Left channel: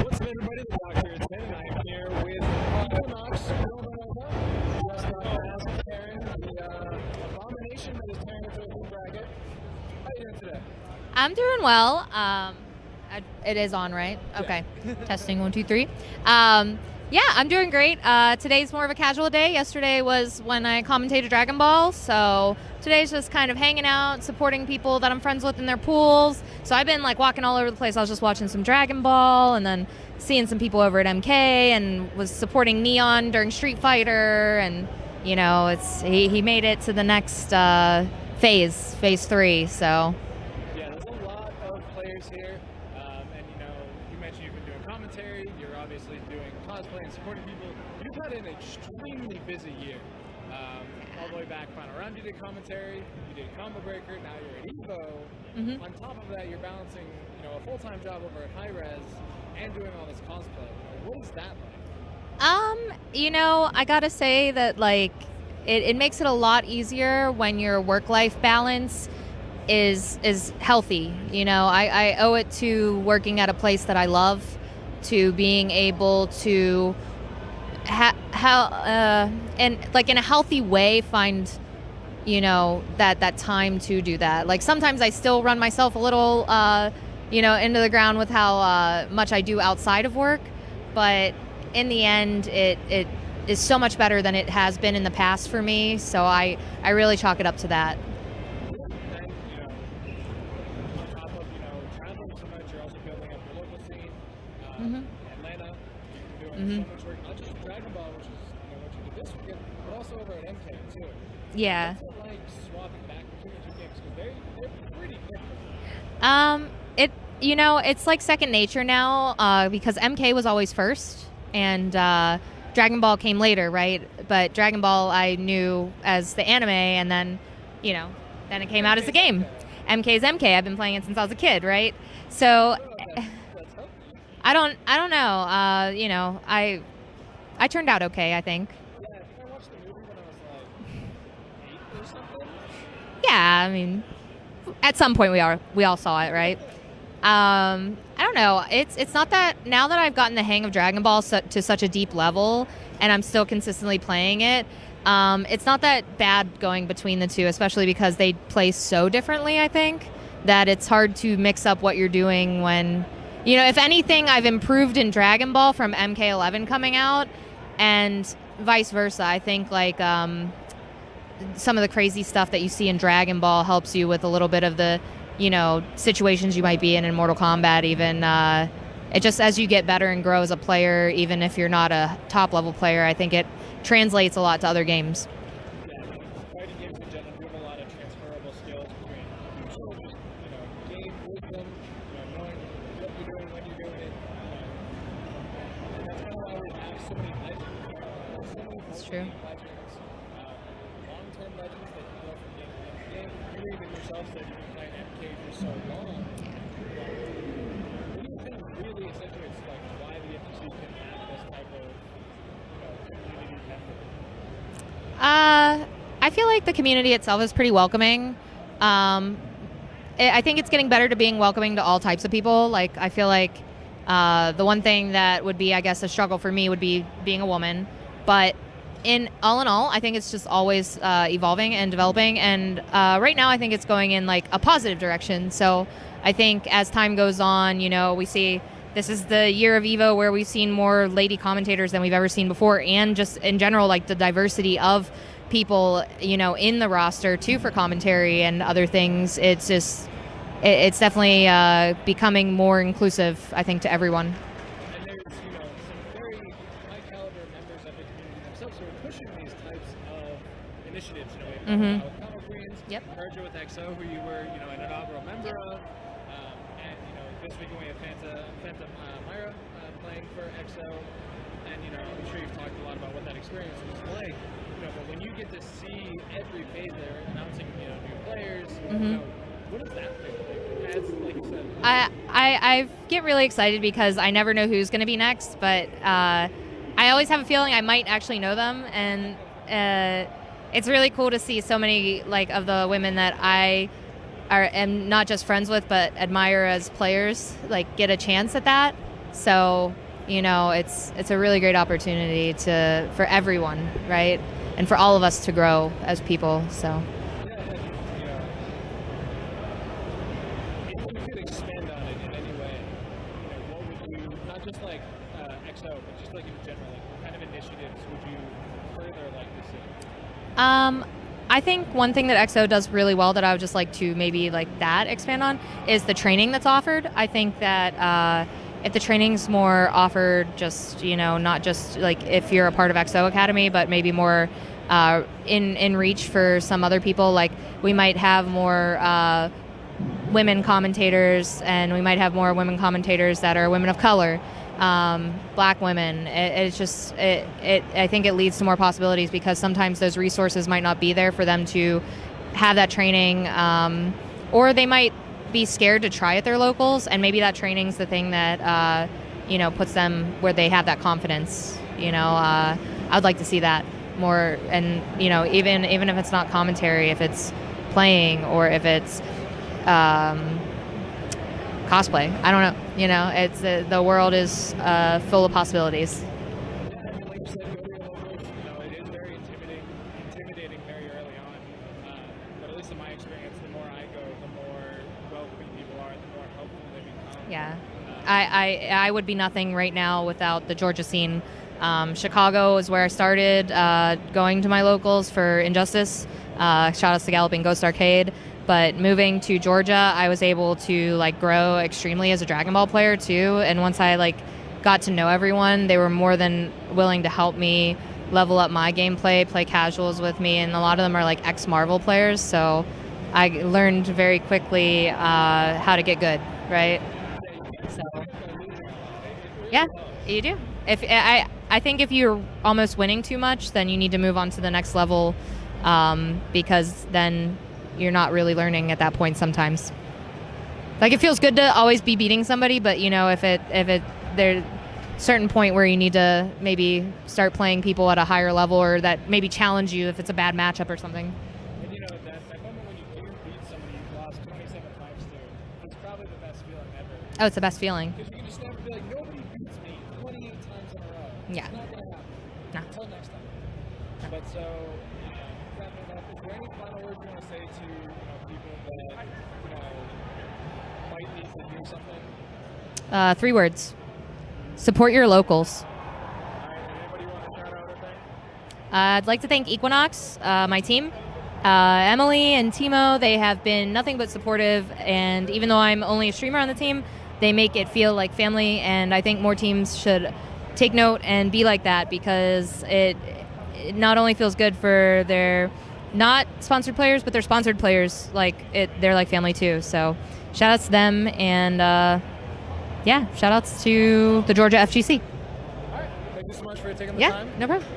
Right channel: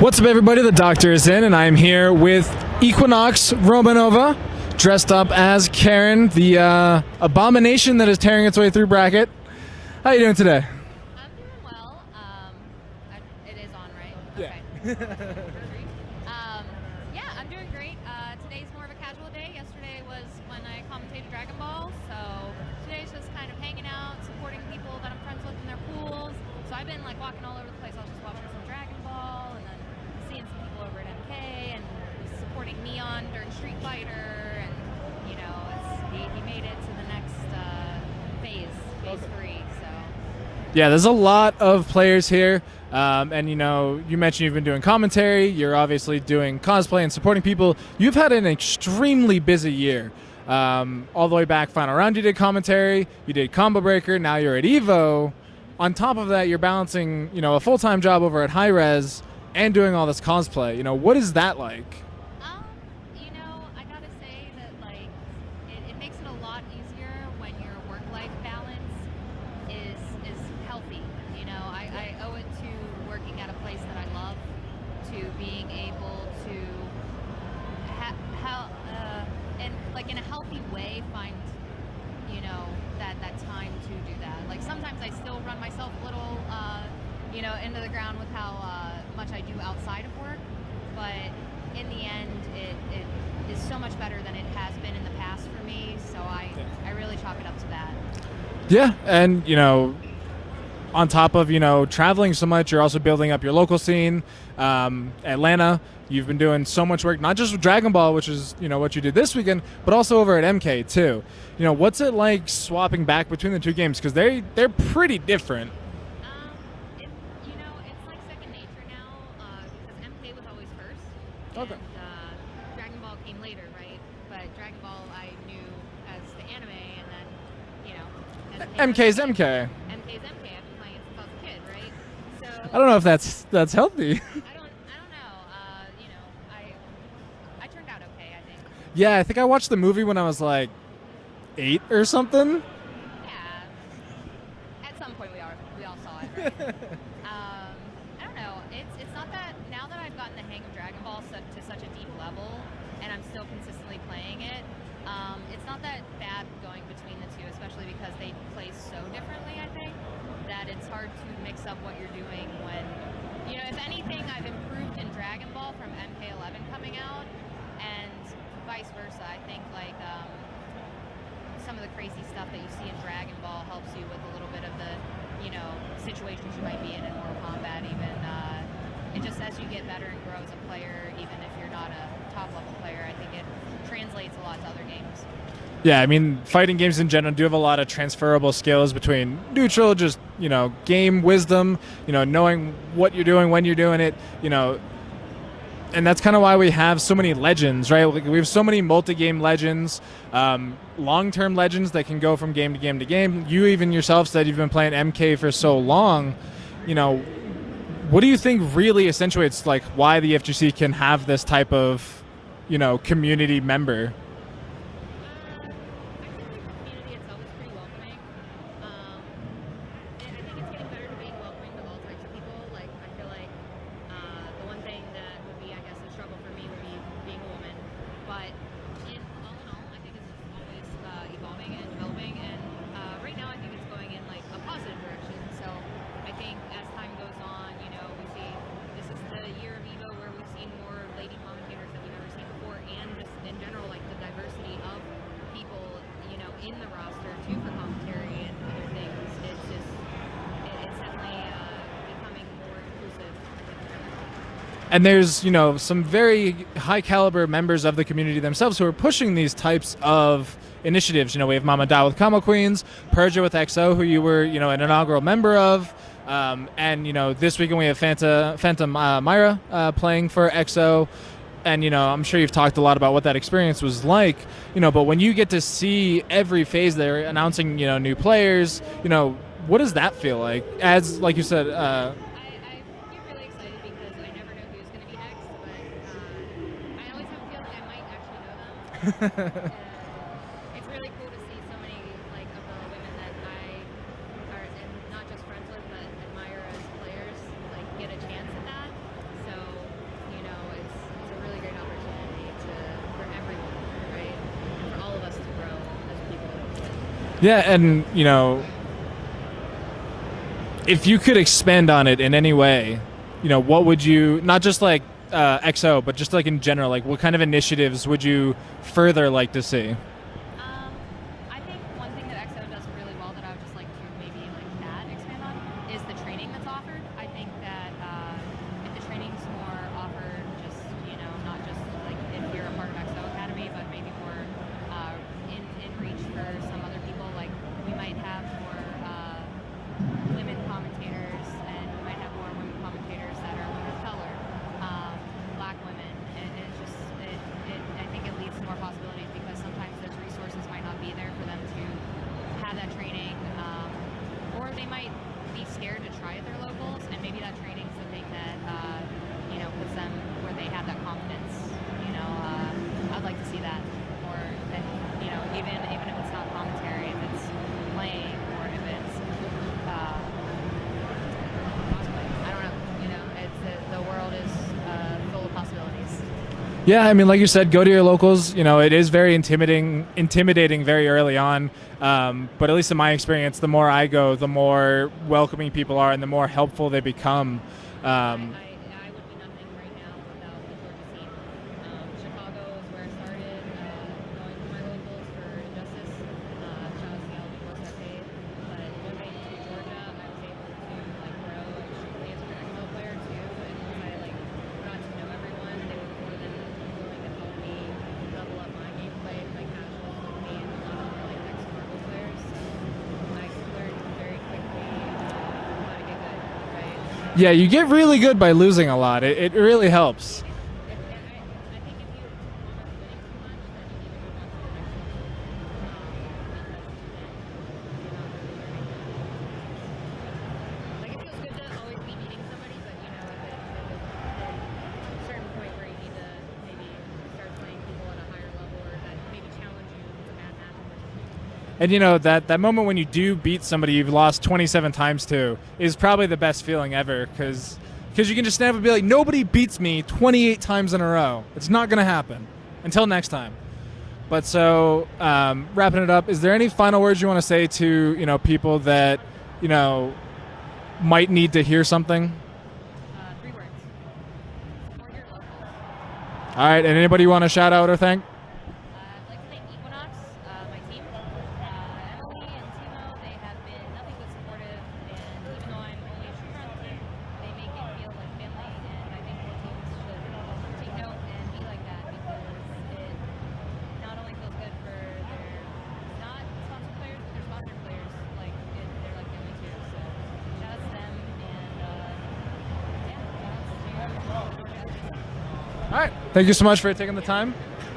What's up, everybody? The doctor is in, and I'm here with EQNX Romanova, dressed up as Karen, the abomination that is tearing its way through bracket. How you doing today? I'm doing well. It is on, right? Okay. Testing 1, 2, 3. Yeah, I'm doing great. Today's more of a casual day. Yesterday was when I commentated Dragonball, so today's just kind of hanging out, supporting people that I'm friends with in their pools. So I've been like walking all over the place. I was just watching some Dragonball and then seeing some people over at MK, and was supporting Neon during Street Fighter, and you know, he made it to the next phase 3. So yeah, there's a lot of players here. And you know, you mentioned you've been doing commentary, you're obviously doing cosplay and supporting people. You've had an extremely busy year. All the way back final round you did commentary, you did Combo Breaker, now you're at EVO. On top of that, you're balancing, you know, a full-time job over at High Res and doing all this cosplay. You know, what is that like? You know, I gotta say that like it makes it a lot easier when your work-life balance is healthy. You know, I owe it to working at a place that I love, to being able to and like in a healthy way find, you know, that time to do that. Like sometimes I still run myself a little you know, into the ground with how much I do outside of work, but in the end it is so much better than it has been in the past for me, so I really chalk it up to that. Yeah, and you know, on top of, you know, traveling so much, you're also building up your local scene. Atlanta, you've been doing so much work, not just with Dragon Ball, which is, you know, what you did this weekend, but also over at MK too. You know, what's it like swapping back between the two games? Because they're pretty different. You know, it's like second nature now, because MK was always first, and Dragon Ball came later, right? But Dragon Ball I knew as the anime, and then, you know, then it came out as a game. MK's MK. I've been playing it since I was a kid, right? So I don't know if that's healthy. I don't know. You know, I turned out okay, I think. Yeah, I think I watched the movie when I was like 8 or something. Yeah, I mean, at some point we all saw it, right? I don't know. It's not that, now that I've gotten the hang of Dragon Ball to such a deep level, and I'm still consistently playing it. It's not that bad going between the two, especially because they play so differently, I think, that it's hard to mix up what you're doing when, you know, if anything, I've improved in Dragon Ball from MK11 coming out, and vice versa. I think, like, some of the crazy stuff that you see in Dragon Ball helps you with a little bit of the, you know, situations you might be in Mortal Kombat even. It just, as you get better and grow as a player, even if you're not a top-level player, I think it translates a lot to other games. Yeah, I mean, fighting games in general do have a lot of transferable skills between neutral, just, you know, game wisdom, you know, knowing what you're doing, when you're doing it, you know, and that's kind of why we have so many legends, right? We have so many multi-game legends, long-term legends that can go from game to game to game. You even yourself said you've been playing MK for so long. You know, what do you think really accentuates, like, why the FGC can have this type of, you know, community member? I feel like the community itself is pretty welcoming. I think it's getting better to being welcoming to all types of people. Like, I feel like the one thing that would be, I guess, a struggle for me would be being a woman. But in all, I think it's just always evolving and developing. And right now, I think it's going in like a positive direction. So I think as time goes on, you know, we see this is the year of EVO where we've seen more lady commentators than we've ever seen before, and just in general, like the diversity of people, you know, in the roster too for commentary and other things. It's just, it's definitely becoming more inclusive, I think, to everyone. And there's, you know, some very high caliber members of the community themselves who are pushing these types of initiatives. You know, we have Mama Da with Combo Queens, Perja with XO, who you were, you know, an inaugural member of. And, you know, this weekend we have Phantom Myra playing for XO. And, you know, I'm sure you've talked a lot about what that experience was like, you know, but when you get to see every phase they're announcing, you know, new players, you know, what does that feel like? As, like you said... I get really excited because I never know who's going to be next, but I always have a feeling I might actually know them. And it's really cool to see so many, like, of the women that I am not just friends with, but admire as players, like, get a chance at that. So, it's a really great opportunity for everyone, right? And for all of us to grow as people. So. Yeah, and if you could expand on it in any way, what would you, not just like XO, but just like in general, like what kind of initiatives would you further like to see? I think one thing that XO does really well that I would just like to maybe like that expand on is the training that's offered. I think that if the training's more offered just, not just like if you're a part of XO Academy, but maybe more in reach for some other people, like we might have more women commentators, and we might have more women commentators that are women of color, black women. I think it leads to more possibilities because sometimes those resources might not be there for them to have that training, or they might be scared to try at their locals, and maybe that training's the thing that puts them where they have that confidence. I'd like to see that more, and even if it's not commentary, if it's playing or if it's cosplay. I don't know. It's the world is full of possibilities. Yeah, I mean, like you said, go to your locals. It is very intimidating very early on. But at least in my experience, the more I go, the more welcoming people are and the more helpful they become. Yeah. I would be nothing right now without the Georgia scene. Chicago is where I started going to my locals for Injustice. Shout out to Galloping Ghost Arcade. But moving to Georgia, I was able to like grow extremely as a Dragon Ball player too. And once I like got to know everyone, they were more than willing to help me level up my gameplay, play casuals with me, and a lot of them are like ex-Marvel players. So I learned very quickly how to get good, right? Yeah, you get really good by losing a lot. It really helps. You do. I think if you're almost winning too much, then you need to move on to the next level, because then you're not really learning at that point sometimes. Like it feels good to always be beating somebody, but if there's a certain point where you need to maybe start playing people at a higher level, or that maybe challenge you if it's a bad matchup or something. And that moment when you do beat somebody you've lost 27 times to is probably the best feeling ever. Oh, it's the best feeling. Because you can just stand up and be like, nobody beats me 28 times in a row. Yeah. It's not going to happen. No. Until next time. But so, wrapping it up, is there any final words you want to say to, people that, might need to hear something? 3 words. Support your locals. All right, and anybody you want to shout out or thank? I'd like to thank Equinox, my team. Emily and Timo, they have been nothing but supportive, and even though I'm only a streamer on the team, they make it feel like family, and I think more teams should take note and be like that, because it not only feels good for their not sponsored players, but their sponsored players, they're like family too. So shout outs to them, and shout outs to the Georgia FGC. All right. Thank you so much for taking the time. No problem.